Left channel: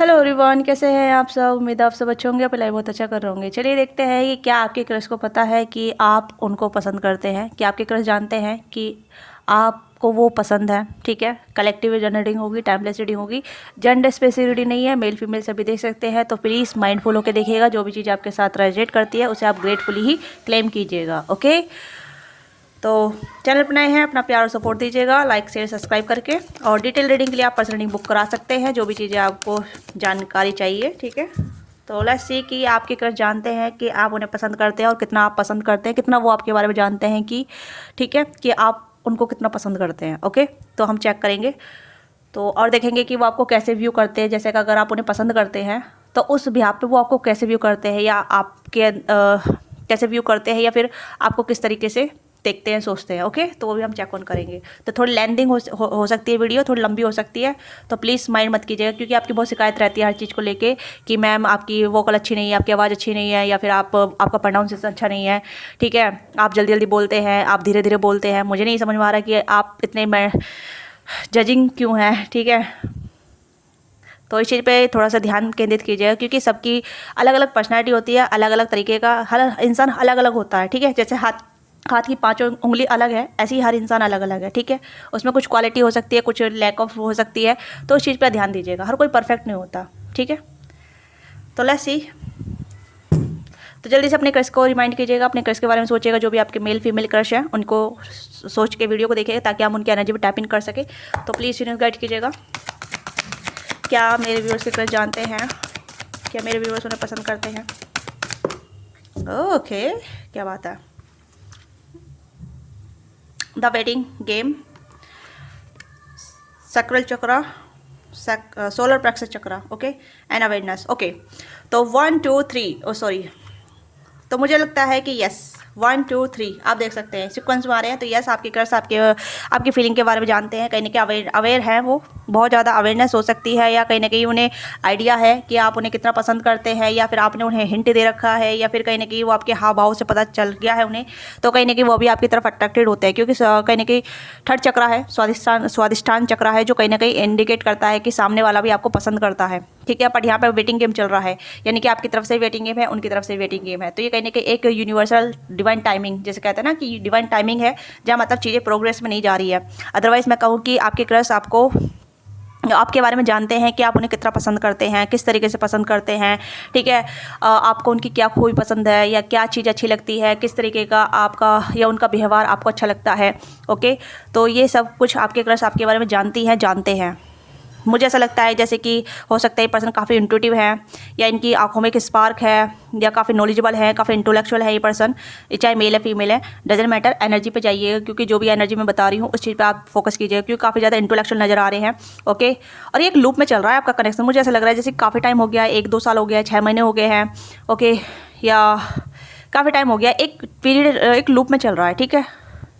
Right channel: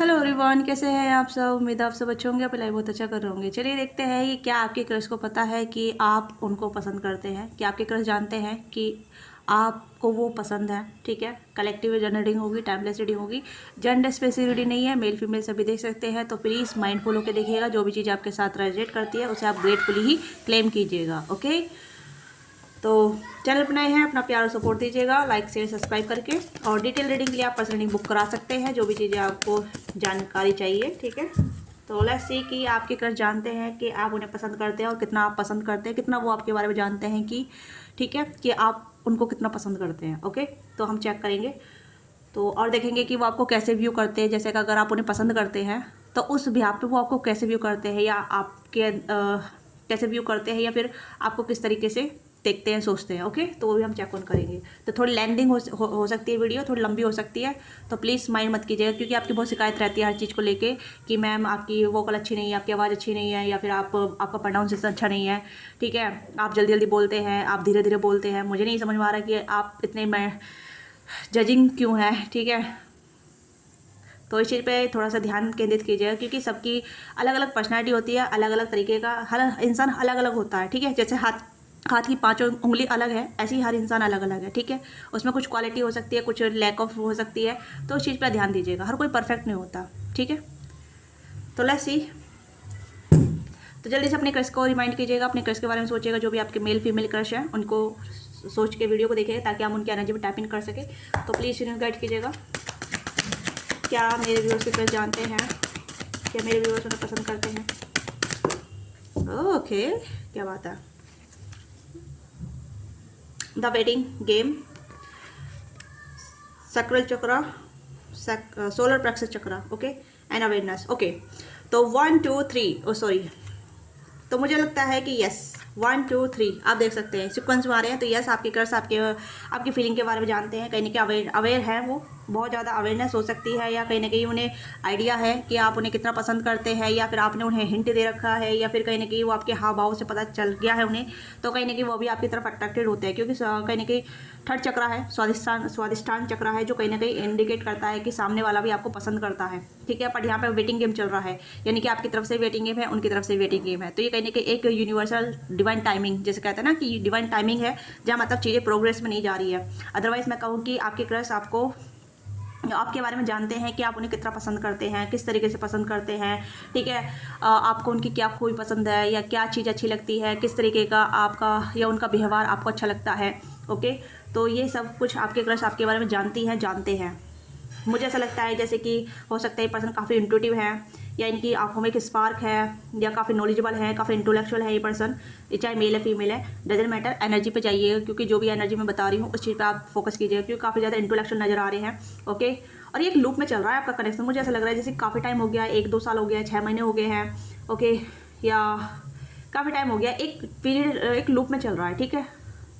Hello everyone, कैसे हैं आप सब। उम्मीद है आप सब अच्छे होंगे, आप लाइफ बहुत अच्छा कर रहे होंगे। चलिए देखते हैं कि क्या आपके क्रश को पता है कि आप उनको पसंद करते हैं। क्या आपके क्रश जानते हैं कि आपको वो पसंद है। ठीक है, कलेक्टिव जेंडर रीडिंग होगी, टाइमलेस रीडिंग होगी, जेंडर स्पेसिफिक रीडिंग नहीं है, मेल फीमेल सभी देख सकते हैं। तो प्लीज़ माइंडफुल होकर देखिएगा, जो भी चीज़ आपके साथ रेजोनेट करती है उसे आप ग्रेटफुली ही क्लेम कीजिएगा। ओके, तो चैनल पर नए हैं, अपना प्यार और सपोर्ट दीजिएगा लाइक शेयर सब्सक्राइब करके। और डिटेल रीडिंग के लिए आप पर्सनल रीडिंग बुक करा सकते हैं, जो भी चीज़ें आपको जानकारी चाहिए। ठीक है, तो लेट्स सी कि आपके क्रश जानते हैं कि आप उन्हें पसंद करते हैं और कितना आप पसंद करते हैं, कितना वो आपके बारे में जानते हैं कि ठीक है कि आप उनको कितना पसंद करते हैं। ओके, तो हम चेक करेंगे तो और देखेंगे कि वो आपको कैसे व्यू करते हैं। जैसे कि अगर आप उन्हें पसंद करते हैं तो उस बिहाफ पे वो आपको कैसे व्यू करते हैं, या आपके कैसे व्यू करते हैं, या फिर आपको किस तरीके से देखते हैं, सोचते हैं। ओके, तो वो भी हम चेक ऑन करेंगे। तो थोड़ी लेंथिंग हो सकती है वीडियो, थोड़ी लंबी हो सकती है, तो प्लीज़ माइंड मत कीजिएगा, क्योंकि आपकी बहुत शिकायत रहती है हर चीज़ को लेके कि मैम आपकी वोकल अच्छी नहीं है, आपकी आवाज़ अच्छी नहीं है, या फिर आपका प्रोनाउंसिएशन अच्छा नहीं है। ठीक है, आप जल्दी जल्दी बोलते हैं, आप धीरे धीरे बोलते हैं। मुझे नहीं समझ में आ रहा कि आप इतने जजिंग क्यों है। ठीक है, तो इस चीज़ पे थोड़ा सा ध्यान केंद्रित कीजिएगा, क्योंकि सबकी अलग अलग पर्सनैलिटी होती है, अलग अलग तरीके का हर इंसान अलग अलग होता है। ठीक है, जैसे हाथ की पांचों उंगली अलग है, ऐसे ही हर इंसान अलग अलग है। ठीक है, उसमें कुछ क्वालिटी हो सकती है, कुछ लैक ऑफ हो सकती है, तो उस चीज़ पर ध्यान दीजिएगा। हर कोई परफेक्ट नहीं होता। ठीक है, तो लेट्स सी। तो जल्दी से अपने क्रश को रिमाइंड कीजिएगा, अपने क्रश के बारे में सोचिएगा। जो भी आपके मेल फीमेल क्रश हैं उनको सोच के वीडियो को देखिएगा, ताकि हम उनकी एनर्जी पर टैप इन कर सके। तो प्लीज़ यूनिवर्स गाइड कीजिएगा। क्या मेरे व्यूअर्स के क्रश जानते हैं, क्या मेरे व्यूअर्स उन्हें पसंद करते हैं। ओके, क्या बात है। The wedding game, sacral chakra, solar plexus chakra, okay, and awareness. Okay, तो 1 2 3, ओ सॉरी, तो मुझे लगता है कि यस 1 2 3 आप देख सकते हैं सिक्वेंस में आ रहे हैं। तो यस, आपकी क्रश आपकी फीलिंग के बारे में जानते हैं, कहीं ना कहीं अवेयर हैं, वो बहुत ज़्यादा अवेयरनेस हो सकती है, या कहीं ना कहीं उन्हें आइडिया है कि आप उन्हें कितना पसंद करते हैं, या फिर आपने उन्हें हिंट दे रखा है, या फिर कहीं ना कहीं वो आपके हाव भाव से पता चल गया है उन्हें। तो कहीं ना कहीं वो भी आपकी तरफ अट्रैक्टेड होते हैं, क्योंकि कहीं ना कहीं थर्ड चक्रा है, स्वादिष्टान चक्रा है, जो कहीं ना कहीं इंडिकेट करता है कि सामने वाला भी आपको पसंद करता है। ठीक है, बट यहाँ पर वेटिंग गेम चल रहा है, यानी कि आपकी तरफ से वेटिंग गेम है, उनकी तरफ से वेटिंग गेम है। तो ये कहीं ना कहीं एक यूनिवर्सल डिवाइन टाइमिंग, जैसे कहते हैं ना कि डिवाइन टाइमिंग है, जहाँ मतलब चीज़ें प्रोग्रेस में नहीं जा रही है। अदरवाइज मैं कहूँ कि आपके क्रश आपके बारे में जानते हैं कि आप उन्हें कितना पसंद करते हैं, किस तरीके से पसंद करते हैं। ठीक है, आपको उनकी क्या खूबी पसंद है, या क्या चीज़ अच्छी लगती है, किस तरीके का आपका या उनका व्यवहार आपको अच्छा लगता है। ओके, तो ये सब कुछ आपके क्रश आपके बारे में जानते हैं। मुझे ऐसा लगता है जैसे कि हो सकता है ये पर्सन काफ़ी इंट्यूटिव है, या इनकी आंखों में एक स्पार्क है, या काफ़ी नॉलेजेबल है, काफ़ी इंटेलेक्चुअल है ये पर्सन, चाहे मेल है फीमेल है, डजेंट मैटर। एनर्जी पे जाइएगा, क्योंकि जो भी एनर्जी मैं बता रही हूँ उस चीज़ पे आप फोकस कीजिएगा, क्योंकि काफ़ी ज़्यादा इंटेलेक्चुअल नज़र आ रहे हैं। ओके, और ये एक लूप में चल रहा है आपका कनेक्शन। मुझे ऐसा लग रहा है जैसे काफ़ी टाइम हो गया है, 1 2 साल हो गया है, 6 महीने हो गए हैं। ओके, या काफ़ी टाइम हो गया, एक पीरियड एक लूप में चल रहा है। ठीक है,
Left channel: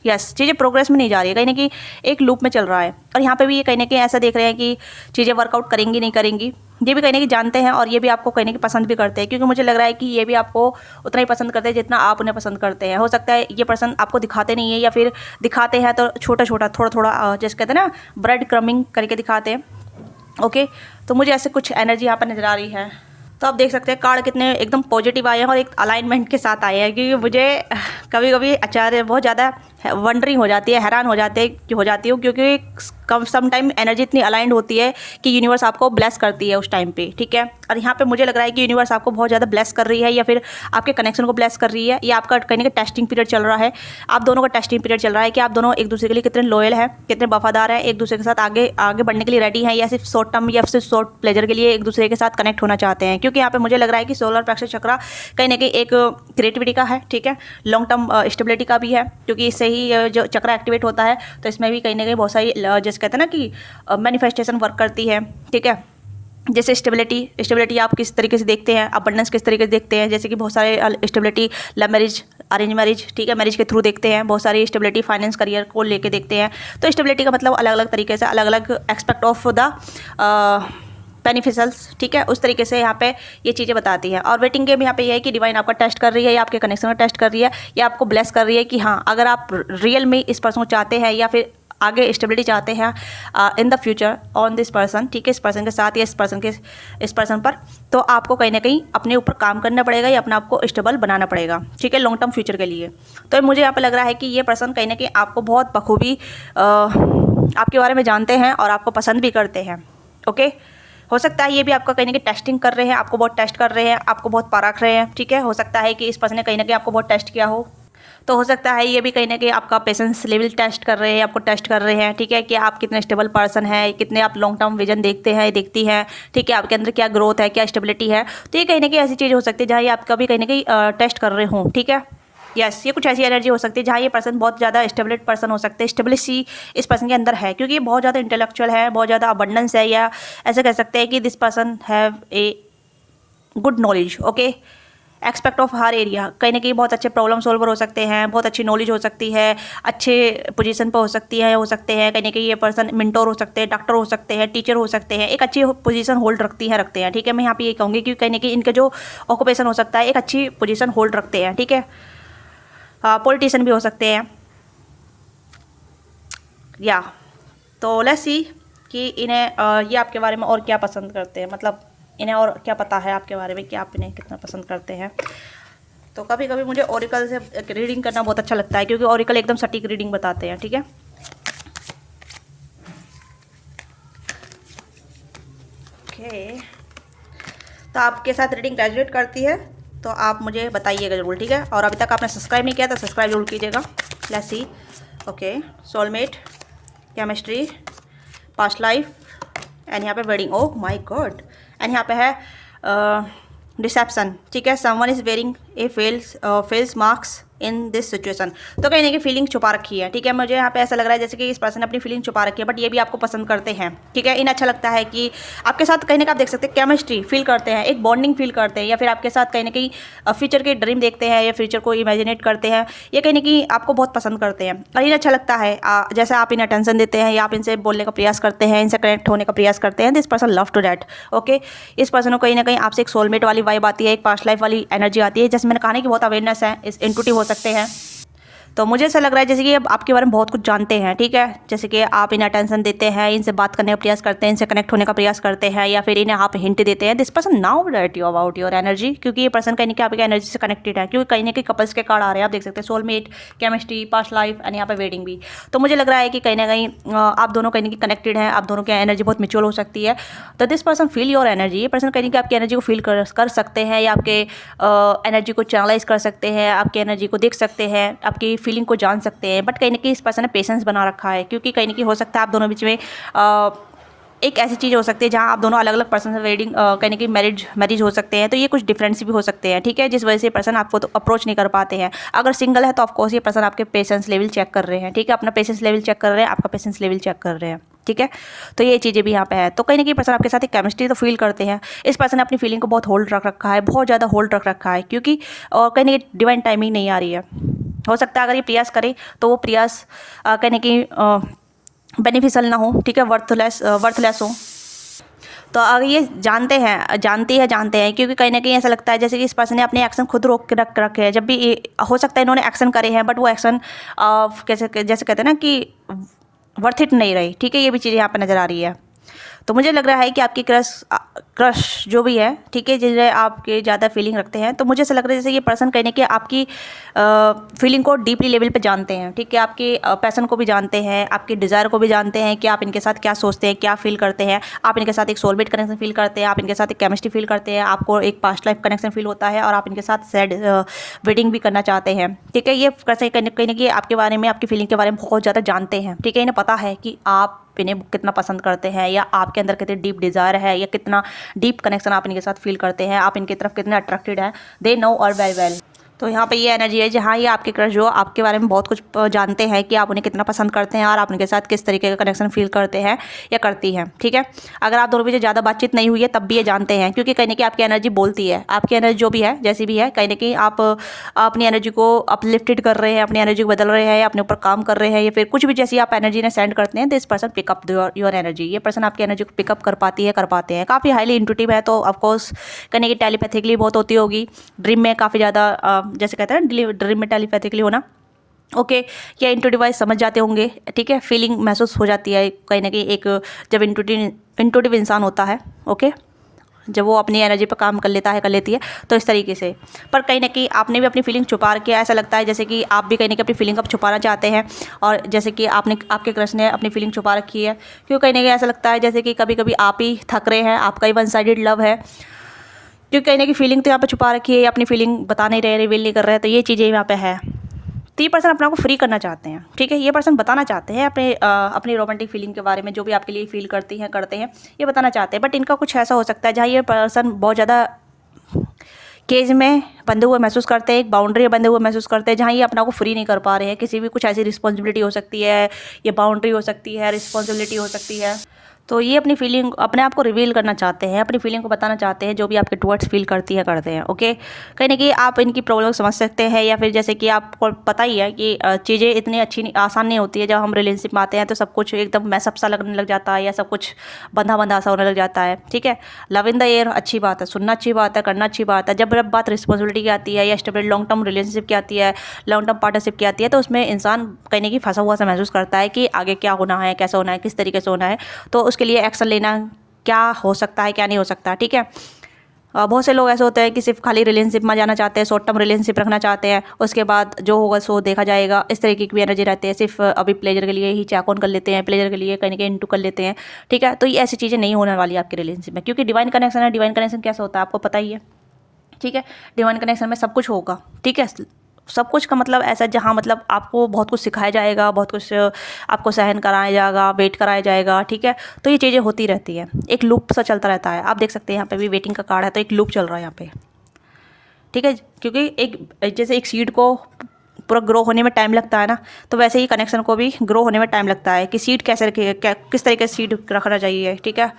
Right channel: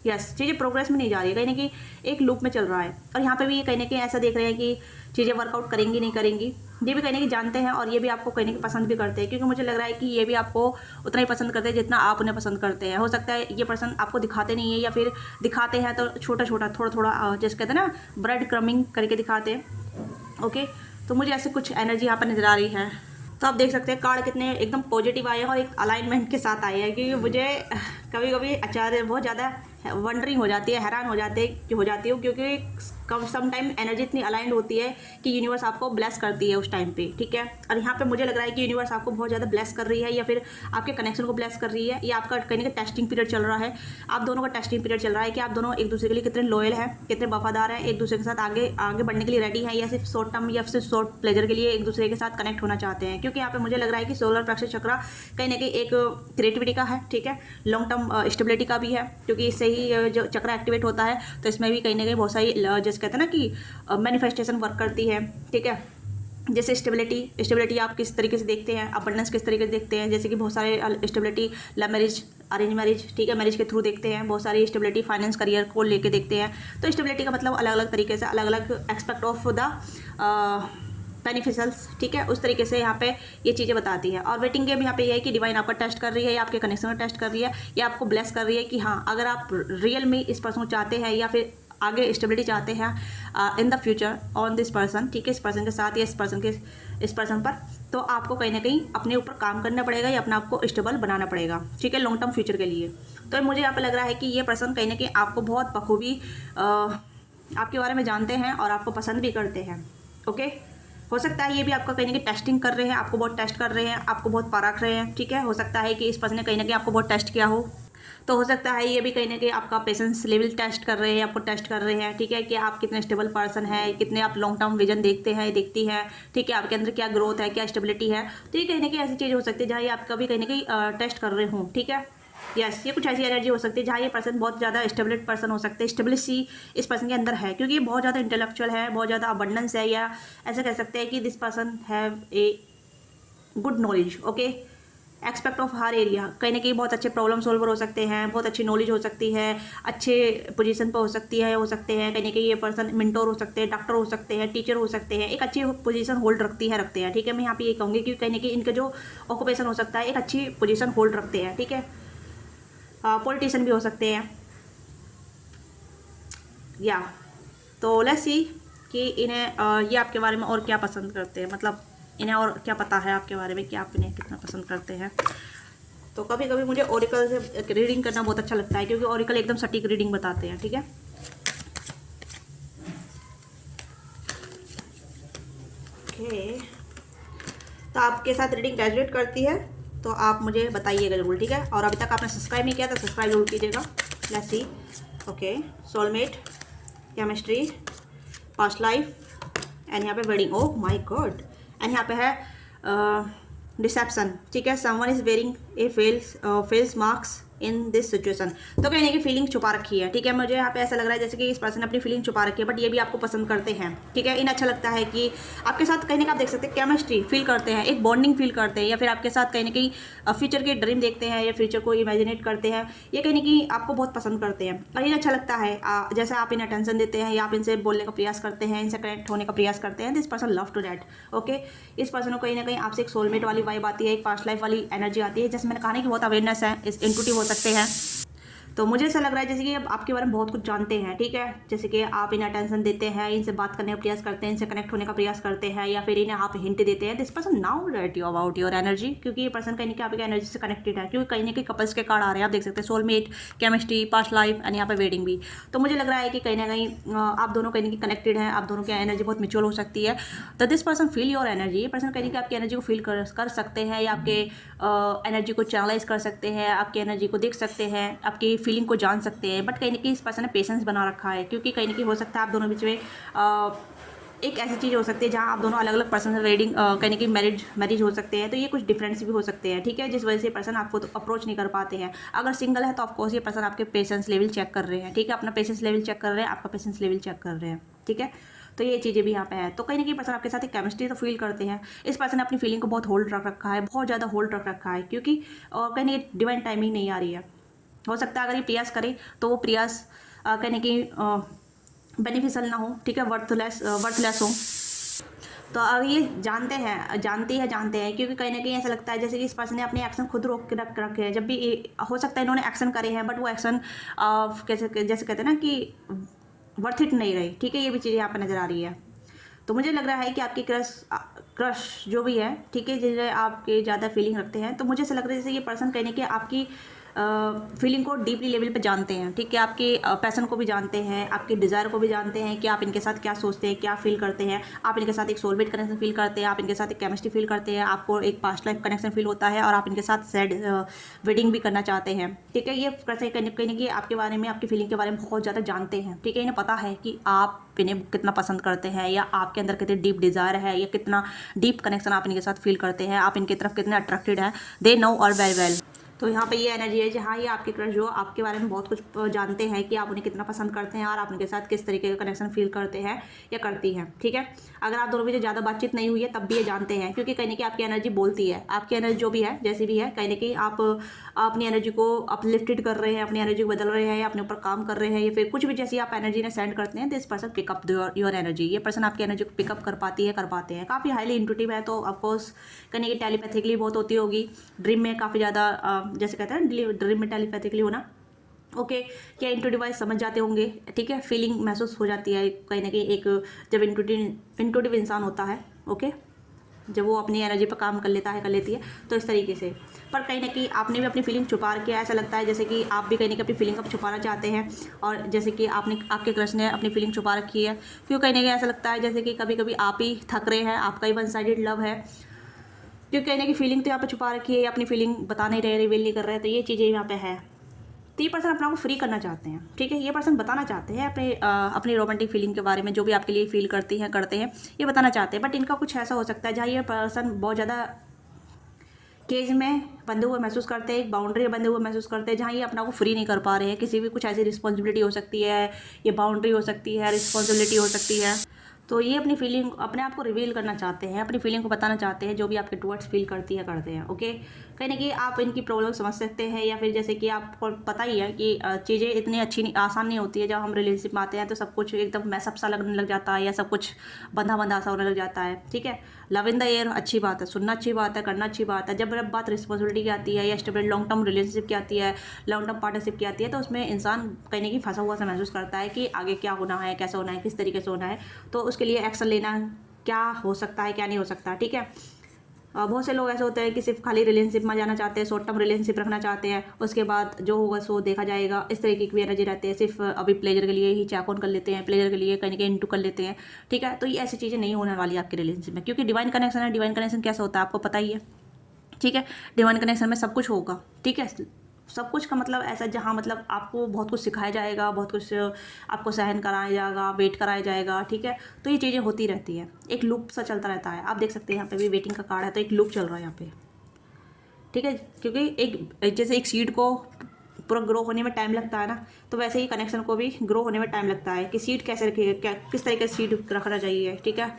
यस, चीज़ें प्रोग्रेस में नहीं जा रही है, कहीं ना कहीं एक लूप में चल रहा है। और यहाँ पे भी ये कहीं ना कहीं ऐसा देख रहे हैं कि चीज़ें वर्कआउट करेंगी नहीं करेंगी, ये भी कहीं ना कहीं जानते हैं, और ये भी आपको कहीं ना कहीं पसंद भी करते हैं, क्योंकि मुझे लग रहा है कि ये भी आपको उतना ही पसंद करते हैं जितना आप उन्हें पसंद करते हैं। हो सकता है ये पर्सन आपको दिखाते नहीं है, या फिर दिखाते हैं तो छोटा छोटा थोड़ा थोड़ा, जैसे कहते हैं ना ब्रेड क्रमिंग करके दिखाते हैं। ओके, तो मुझे ऐसे कुछ एनर्जी यहाँ पर नज़र आ रही है। तो आप देख सकते हैं कार्ड कितने एकदम पॉजिटिव आए हैं, और एक अलाइनमेंट के साथ आए हैं, क्योंकि मुझे कभी कभी आचार्य बहुत ज़्यादा वंडरिंग हो जाती है, हैरान हो जाती हूँ, क्योंकि कम सम टाइम एनर्जी इतनी अलाइंड होती है कि यूनिवर्स आपको ब्लेस करती है उस टाइम पे। ठीक है, और यहाँ पे मुझे लग रहा है कि यूनिवर्स आपको बहुत ज़्यादा ब्लेस कर रही है, या फिर आपके कनेक्शन को ब्लेस कर रही है, या आपका कहीं ना कहीं टेस्टिंग पीरियड चल रहा है। आप दोनों का टेस्टिंग पीरियड चल रहा है कि आप दोनों एक दूसरे के लिए कितने लॉयल हैं, कितने वफादार हैं, एक दूसरे के साथ आगे आगे बढ़ने के लिए रेडी हैं, या सिर्फ शॉर्ट टर्म या सिर्फ शॉर्ट प्लेजर के लिए एक दूसरे के साथ कनेक्ट होना चाहते हैं। क्योंकि यहाँ पे मुझे लग रहा है कि सोलर प्लेक्सस चक्रा कहीं ना कहीं एक क्रिएटिविटी का है। ठीक है, लॉन्ग टर्म स्टेबिलिटी का भी है, क्योंकि इससे ही जो चक्रा एक्टिवेट होता है, तो इसमें भी कहीं ना कहीं बहुत सारी जैसे कहते हैं ना कि मैनिफेस्टेशन वर्क करती है। ठीक है, जैसे स्टेबिलिटी आप किस तरीके से देखते हैं, अबंडेंस किस तरीके से देखते हैं, जैसे कि बहुत सारे stability love marriage, arrange marriage, ठीक है, मैरिज के थ्रू देखते हैं। बहुत सारी स्टेबिलिटी फाइनेंस करियर को लेके देखते हैं। तो स्टेबिलिटी का मतलब अलग अलग तरीके से अलग अलग एक्सपेक्ट ऑफ द बेनिफिशियल्स। ठीक है, उस तरीके से यहाँ पे ये चीज़ें बताती है। और वेटिंग गेम यहाँ पे ये है कि डिवाइन आपका टेस्ट कर रही है, या आपके कनेक्शन को टेस्ट कर रही है, या आपको ब्लेस कर रही है कि हाँ, अगर आप रियल में इस पर्सन को चाहते हैं, या फिर आगे स्टेबिलिटी चाहते हैं in the future on this person, ठीक है, इस पर्सन के साथ या इस पर्सन पर, तो आपको कहीं ना कहीं अपने ऊपर काम करना पड़ेगा या अपने आप को स्टेबल बनाना पड़ेगा, ठीक है, लॉन्ग टर्म फ्यूचर के लिए। तो मुझे यहाँ पर लग रहा है कि ये पर्सन कहीं ना कहीं आपको बहुत बखूबी आपके बारे में जानते हैं और आपको पसंद भी करते हैं। ओके, हो सकता है ये भी आपका कहीं ना कहीं टेस्टिंग कर रहे हैं, आपको बहुत टेस्ट कर रहे हैं, आपको बहुत परख रहे हैं, ठीक है। हो सकता है कि इस पर्सन ने कहीं ना कहीं आपको बहुत टेस्ट किया हो, तो हो सकता है ये भी कहीं ना कहीं आपका पेशेंस लेवल टेस्ट कर रहे हैं, आपको टेस्ट कर रहे हैं, ठीक है, कि आप कितने स्टेबल पर्सन है, कितने आप लॉन्ग टर्म विजन देखते हैं, देखती हैं, ठीक है, आपके अंदर क्या ग्रोथ है, क्या स्टेबिलिटी है। तो ये कहीं ना कहीं ऐसी चीज़ हो सकती है जहाँ ये आपका भी कहीं ना कहीं टेस्ट कर रहे हों, ठीक है। यस, ये कुछ ऐसी एनर्जी हो सकती है जहाँ ये पर्सन बहुत ज़्यादा स्टेबलिट पर्सन हो सकते हैं, स्टेबिलिटी इस पर्सन के अंदर है, क्योंकि ये बहुत ज़्यादा इंटेलेक्चुअल है, बहुत ज़्यादा अबंडेंस है, या ऐसे कह सकते हैं कि this person have a good knowledge, okay, expect of her area. कहीं ना कहीं बहुत अच्छे प्रॉब्लम सॉल्वर हो सकते हैं, बहुत अच्छी नॉलेज हो सकती है, अच्छे पोजीशन पर हो सकती है, हो सकते हैं कहीं ना कहीं ये पर्सन मेंटोर हो सकते हैं, डॉक्टर हो सकते हैं, टीचर हो सकते हैं, एक अच्छी पोजीशन होल्ड रखते हैं, ठीक है। मैं यहाँ पे ये कहूँगी कि कहीं ना कहीं इनका जो ऑक्यूपेशन हो सकता है एक अच्छी पोजीशन होल्ड रखते हैं, ठीक है। पॉलिटिशियन भी हो सकते हैं, या तो लेट्स सी कि इन्हें ये आपके बारे में और क्या पसंद करते हैं, मतलब इन्हें और क्या पता है आपके बारे में कि आप इन्हें कितना पसंद करते हैं। तो कभी कभी मुझे ओरिकल से रीडिंग करना बहुत अच्छा लगता है, क्योंकि ओरिकल एकदम सटीक रीडिंग बताते हैं, ठीक है। ओके, तो आपके साथ रीडिंग ग्रेजुएट करती है तो आप मुझे बताइएगा ज़रूर, ठीक है। और अभी तक आपने सब्सक्राइब नहीं किया तो सब्सक्राइब जरूर कीजिएगा। Let's see, okay, soulmate, chemistry, past life, and यहाँ पे wedding, oh my God, and यहाँ पे है रिसेप्शन, ठीक है। Someone is wearing A fails marks in this situation. तो कहीं ना कहीं फीलिंग छुपा रखी है, ठीक है। मुझे यहाँ पे ऐसा लग रहा है जैसे कि इस पर्सन ने अपनी फीलिंग छुपा रखी है, बट ये भी आपको पसंद करते हैं, ठीक है। इन्हें अच्छा लगता है कि आपके साथ कहीं ना कहीं आप देख सकते हैं केमिस्ट्री फील करते हैं, एक बॉन्डिंग फील करते हैं, या फिर आपके साथ कहीं ना कहीं फ्यूचर के ड्रीम देखते हैं या फ्यूचर को इमेजिनेट करते हैं, ये कहीं ना कहीं आपको बहुत पसंद करते हैं। और इन्हें अच्छा लगता है जैसे आप इन्हें अटेंशन देते हैं या आप इनसे बोलने का प्रयास करते हैं, इनसे कनेक्ट होने का प्रयास करते हैं। This person love to date, okay. इस पर्सन को कहीं ना कहीं आपसे एक सोलमेट वाली वाइब आती है, एक पास्ट लाइफ वाली एनर्जी आती है, जैसे मैंने कहा ना कि बहुत अवेयरनेस है, इस इंटूटिव हो सकते हैं। तो मुझे ऐसा लग रहा है जैसे कि अब आपके बारे में बहुत कुछ जानते हैं, ठीक है। जैसे कि आप इन्हें अटेंशन देते हैं, इनसे बात करने का प्रयास करते हैं, इनसे कनेक्ट होने का प्रयास करते हैं, या फिर इन्हें आप हिंट देते हैं। This person now diet you about your energy, क्योंकि ये पर्सन कहीं ना कहीं आपकी एनर्जी से कनेक्टेड है, क्योंकि कहीं ना कहीं कपल्स के कार्ड आ रहे हैं, आप देख सकते हैं, soulmate, chemistry, past life, and यहाँ पे वेडिंग भी। तो मुझे लग रहा है कि कहीं ना कहीं आप दोनों कहीं ना कहीं कनेक्टेड हैं, आप दोनों की एनर्जी बहुत म्यूचुअल हो सकती है। तो this person feel your energy, ये पर्सन कहीं ना कहीं आपकी एनर्जी को फील कर सकते हैं, या आपके एनर्जी को चैनलाइज कर सकते हैं, आपकी एनर्जी को देख सकते हैं, आपकी फीलिंग को जान सकते हैं। बट कहीं ना कहीं इस पर्सन ने पेशेंस बना रखा है, क्योंकि कहीं ना कहीं हो सकता है आप दोनों बीच में एक ऐसी चीज़ हो सकती है जहाँ आप दोनों अलग अलग पर्सन से वेडिंग कहीं ना कहीं मैरिज हो सकते हैं। तो ये कुछ डिफरेंस भी हो सकते हैं, ठीक है, जिस वजह से पर्सन आपको तो अप्रोच नहीं कर पाते हैं। अगर सिंगल है तो ऑफकोर्स ये पर्सन आपके पेशेंस लेवल चेक कर रहे हैं, ठीक है, अपना पेशेंस लेवल चेक कर रहे हैं, आपका पेशेंस लेवल चेक कर रहे हैं, ठीक है। तो ये चीज़ें भी यहाँ पे है। तो कहीं ना कहीं पर्सन आपके साथ एक केमिस्ट्री तो फील करते हैं। इस पर्सन ने अपनी फीलिंग को बहुत होल्ड रख रखा है, बहुत ज़्यादा होल्ड रख रखा है, क्योंकि कहीं ना कहीं डिवाइन टाइमिंग नहीं आ रही है। हो सकता है अगर ये प्रयास करे तो वो प्रयास कहीं ना कहीं बेनिफिशियल ना हो, ठीक है, वर्थलेस हो। तो अगर ये जानते हैं, क्योंकि कहीं ना कहीं ऐसा लगता है जैसे कि इस पर्सन ने अपने एक्शन खुद रोक के रखे हैं। जब भी हो सकता है इन्होंने एक्शन करे हैं, बट वो एक्शन जैसे कहते हैं ना कि वर्थ इट नहीं रही, ठीक है, ये भी चीज़ यहाँ पर नज़र आ रही है। तो मुझे लग रहा है कि आपकी क्रश जो भी है, ठीक है, जिसे आपके ज़्यादा फीलिंग रखते हैं, तो मुझे ऐसा लग रहा है जैसे ये पर्सन कहीं ना कहीं आपकी फीलिंग को डीपली लेवल पे जानते हैं, ठीक है, आपकी पैसन को भी जानते हैं, आपकी डिज़ायर को भी जानते हैं कि आप इनके साथ क्या सोचते हैं, क्या फील करते हैं। आप इनके साथ एक सोलमेट कनेक्शन फील करते हैं, आप इनके साथ एक केमिस्ट्री फील करते हैं, आपको एक पास्ट लाइफ कनेक्शन फील होता है, और आप इनके साथ सैड वेडिंग भी करना चाहते हैं, ठीक है। ये कहीं ना कहीं आपके बारे में, आपकी फीलिंग के बारे में बहुत ज़्यादा जानते हैं, ठीक है। इन्हें पता है कि आप इन्हें कितना पसंद करते हैं, या आपके अंदर कितनी डीप डिज़ायर है, या कितना डीप कनेक्शन आप इनके साथ फील करते हैं, आप इनकी तरफ कितने अट्रैक्टेड हैं। दे नो और वेरी वेल। तो यहाँ पे ये एनर्जी है जहाँ ये आपके क्रश जो आपके बारे में बहुत कुछ जानते हैं कि आप उन्हें कितना पसंद करते हैं, और आप उनके साथ किस तरीके का कनेक्शन फील करते हैं या करती हैं, ठीक है। अगर आप दोनों बीच ज़्यादा बातचीत नहीं हुई है तब भी ये जानते हैं, क्योंकि कहीं ना कहीं आपकी एनर्जी बोलती है, आपकी एनर्जी जो भी है, जैसी भी है, कहीं ना कहीं आप अपनी एनर्जी को अपलिफ्टेड कर रहे हैं, अपनी एनर्जी को बदल रहे हैं, या अपने ऊपर काम कर रहे हैं, या फिर कुछ भी जैसी आप एनर्जी ने सेंड करते हैं, this person pickup your energy. ये पर्सन आपकी एनर्जी को पिकअप कर पाते हैं। काफ़ी हाईली इंट्यूटिव है, तो ऑफकोर्स कहीं ना कहीं टेलीपैथिकली बहुत होती होगी। ड्रीम में काफ़ी ज़्यादा जैसे कहते हैं ना ड्रीम में टेलीपैथिकली होना, ओके, या इंटू डिवाइस समझ जाते होंगे, ठीक है, फीलिंग महसूस हो जाती है कहीं ना कहीं एक, जब इंटूटिव इंसान होता है, ओके, जब वो अपनी एनर्जी पर काम कर लेता है, कर लेती है, तो इस तरीके से। पर कहीं ना कहीं आपने भी अपनी फीलिंग छुपा रखी है, ऐसा लगता है जैसे कि आप भी कहीं ना कहीं अपनी फीलिंग अब छुपाना चाहते हैं, और जैसे कि आपके क्रश ने अपनी फीलिंग छुपा रखी है, क्योंकि कहीं ना कहीं ऐसा लगता है जैसे कि कभी कभी आप ही थक रहे हैं, आपका ही वन साइडेड लव है, क्योंकि कहीं ना कहीं फीलिंग तो यहाँ पे छुपा रखी है, अपनी फीलिंग बता नहीं रहे, रिवील नहीं कर रहे हैं, तो ये चीज़ें यहाँ पे है। तो ये पर्सन अपने आप को फ्री करना चाहते हैं, ठीक है, ये पर्सन बताना चाहते हैं अपनी रोमांटिक फीलिंग के बारे में, जो भी आपके लिए फील करती हैं, करते हैं, ये बताना चाहते हैं। बट इनका कुछ ऐसा हो सकता है जहाँ ये पर्सन बहुत ज़्यादा केज में बंधे हुए महसूस करते हैं, एक बाउंड्री में बंधे हुए महसूस करते हैं, जहाँ ये अपना को फ्री नहीं कर पा रहे हैं, किसी भी कुछ ऐसी रिस्पॉन्सिबिलिटी हो सकती है, ये बाउंड्री हो सकती है, रिस्पॉन्सिबिलिटी हो सकती है। तो ये अपनी फीलिंग, अपने आप को रिवील करना चाहते हैं, अपनी फीलिंग को बताना चाहते हैं, जो भी आपके टुवर्ड्स फील करती है, करते हैं, ओके। कहीं ना कहीं आप इनकी प्रॉब्लम समझ सकते हैं, या फिर जैसे कि आपको पता ही है कि चीज़ें इतनी अच्छी नहीं, आसान नहीं होती है। जब हम रिलेशनशिप में आते हैं तो सब कुछ एकदम मैसअप सा लगने लग जाता है, या सब कुछ बंधा बंधा सा होने लग जाता है, ठीक है। लव इन द एयर अच्छी बात है, सुनना अच्छी बात है, करना अच्छी बात है। जब बात रिस्पॉन्सिबिलिटी की आती है, या स्टेबल लॉन्ग टर्म रिलेशनशिप की आती है, लॉन्ग टर्म पार्टनरशिप की आती है, तो उसमें इंसान कहीं ना कहीं फंसा हुआ सा महसूस करता है कि आगे क्या होना है, कैसा होना है, किस तरीके से होना है, तो उसके लिए एक्शन लेना क्या हो सकता है, क्या नहीं हो सकता, ठीक है। बहुत से लोग ऐसे होते हैं कि सिर्फ खाली रिलेशनशिप में जाना चाहते हैं, शॉर्ट टर्म रिलेशनशिप रखना चाहते हैं, उसके बाद जो होगा सो देखा जाएगा, इस तरीके की भी एनर्जी रहती है। सिर्फ अभी प्लेजर के लिए ही चैक ऑन कर लेते हैं, प्लेजर के लिए कहीं ना कहीं इंटू कर लेते हैं, ठीक है। तो ये ऐसी चीज़ें नहीं होने वाली आपके रिलेशनशिप में, क्योंकि डिवाइन कनेक्शन है। डिवाइन कनेक्शन कैसा होता है आपको पता ही है, ठीक है। डिवाइन कनेक्शन में सब कुछ होगा, ठीक है। सब कुछ का मतलब ऐसा जहाँ मतलब आपको बहुत कुछ सिखाया जाएगा, बहुत कुछ आपको सहन कराया जाएगा, वेट कराया जाएगा, ठीक है। तो ये चीज़ें होती रहती हैं, एक लूप सा चलता रहता है। आप देख सकते हैं यहाँ पे भी वेटिंग का कार्ड है, तो एक लूप चल रहा है यहाँ पे, ठीक है। क्योंकि एक जैसे एक सीड को पूरा ग्रो होने में टाइम लगता है ना, तो वैसे ही कनेक्शन को भी ग्रो होने में टाइम लगता है, कि सीड कैसे रखिए, किस तरीके से सीड रखना चाहिए, ठीक है,